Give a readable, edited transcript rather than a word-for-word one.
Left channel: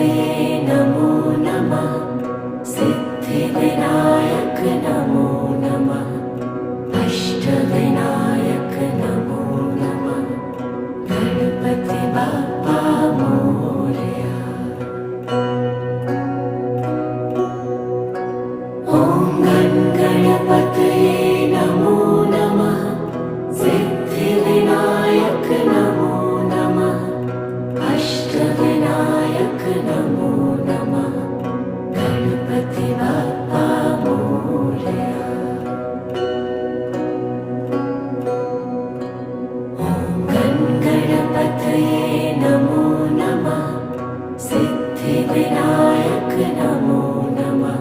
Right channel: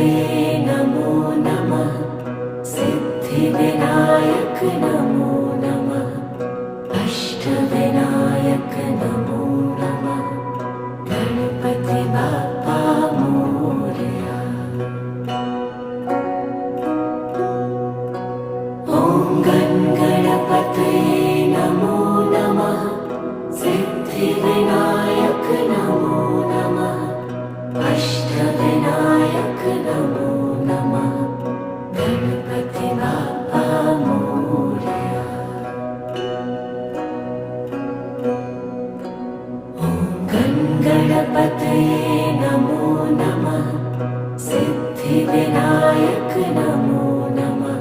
गणपतये नमो नमः। सिद्धिविनायक नमो नमः। अष्टविनायक नमो नमः। गणपति बाप्पा मोरया। ॐ गणपतये नमो नमः। सिद्धिविनायक नमो नमः। अष्टविनायक नमो नमः। गणपति बाप्पा मोरया। ॐ गणपतये नमो नमः। सिद्धिविनायक नमो नमः।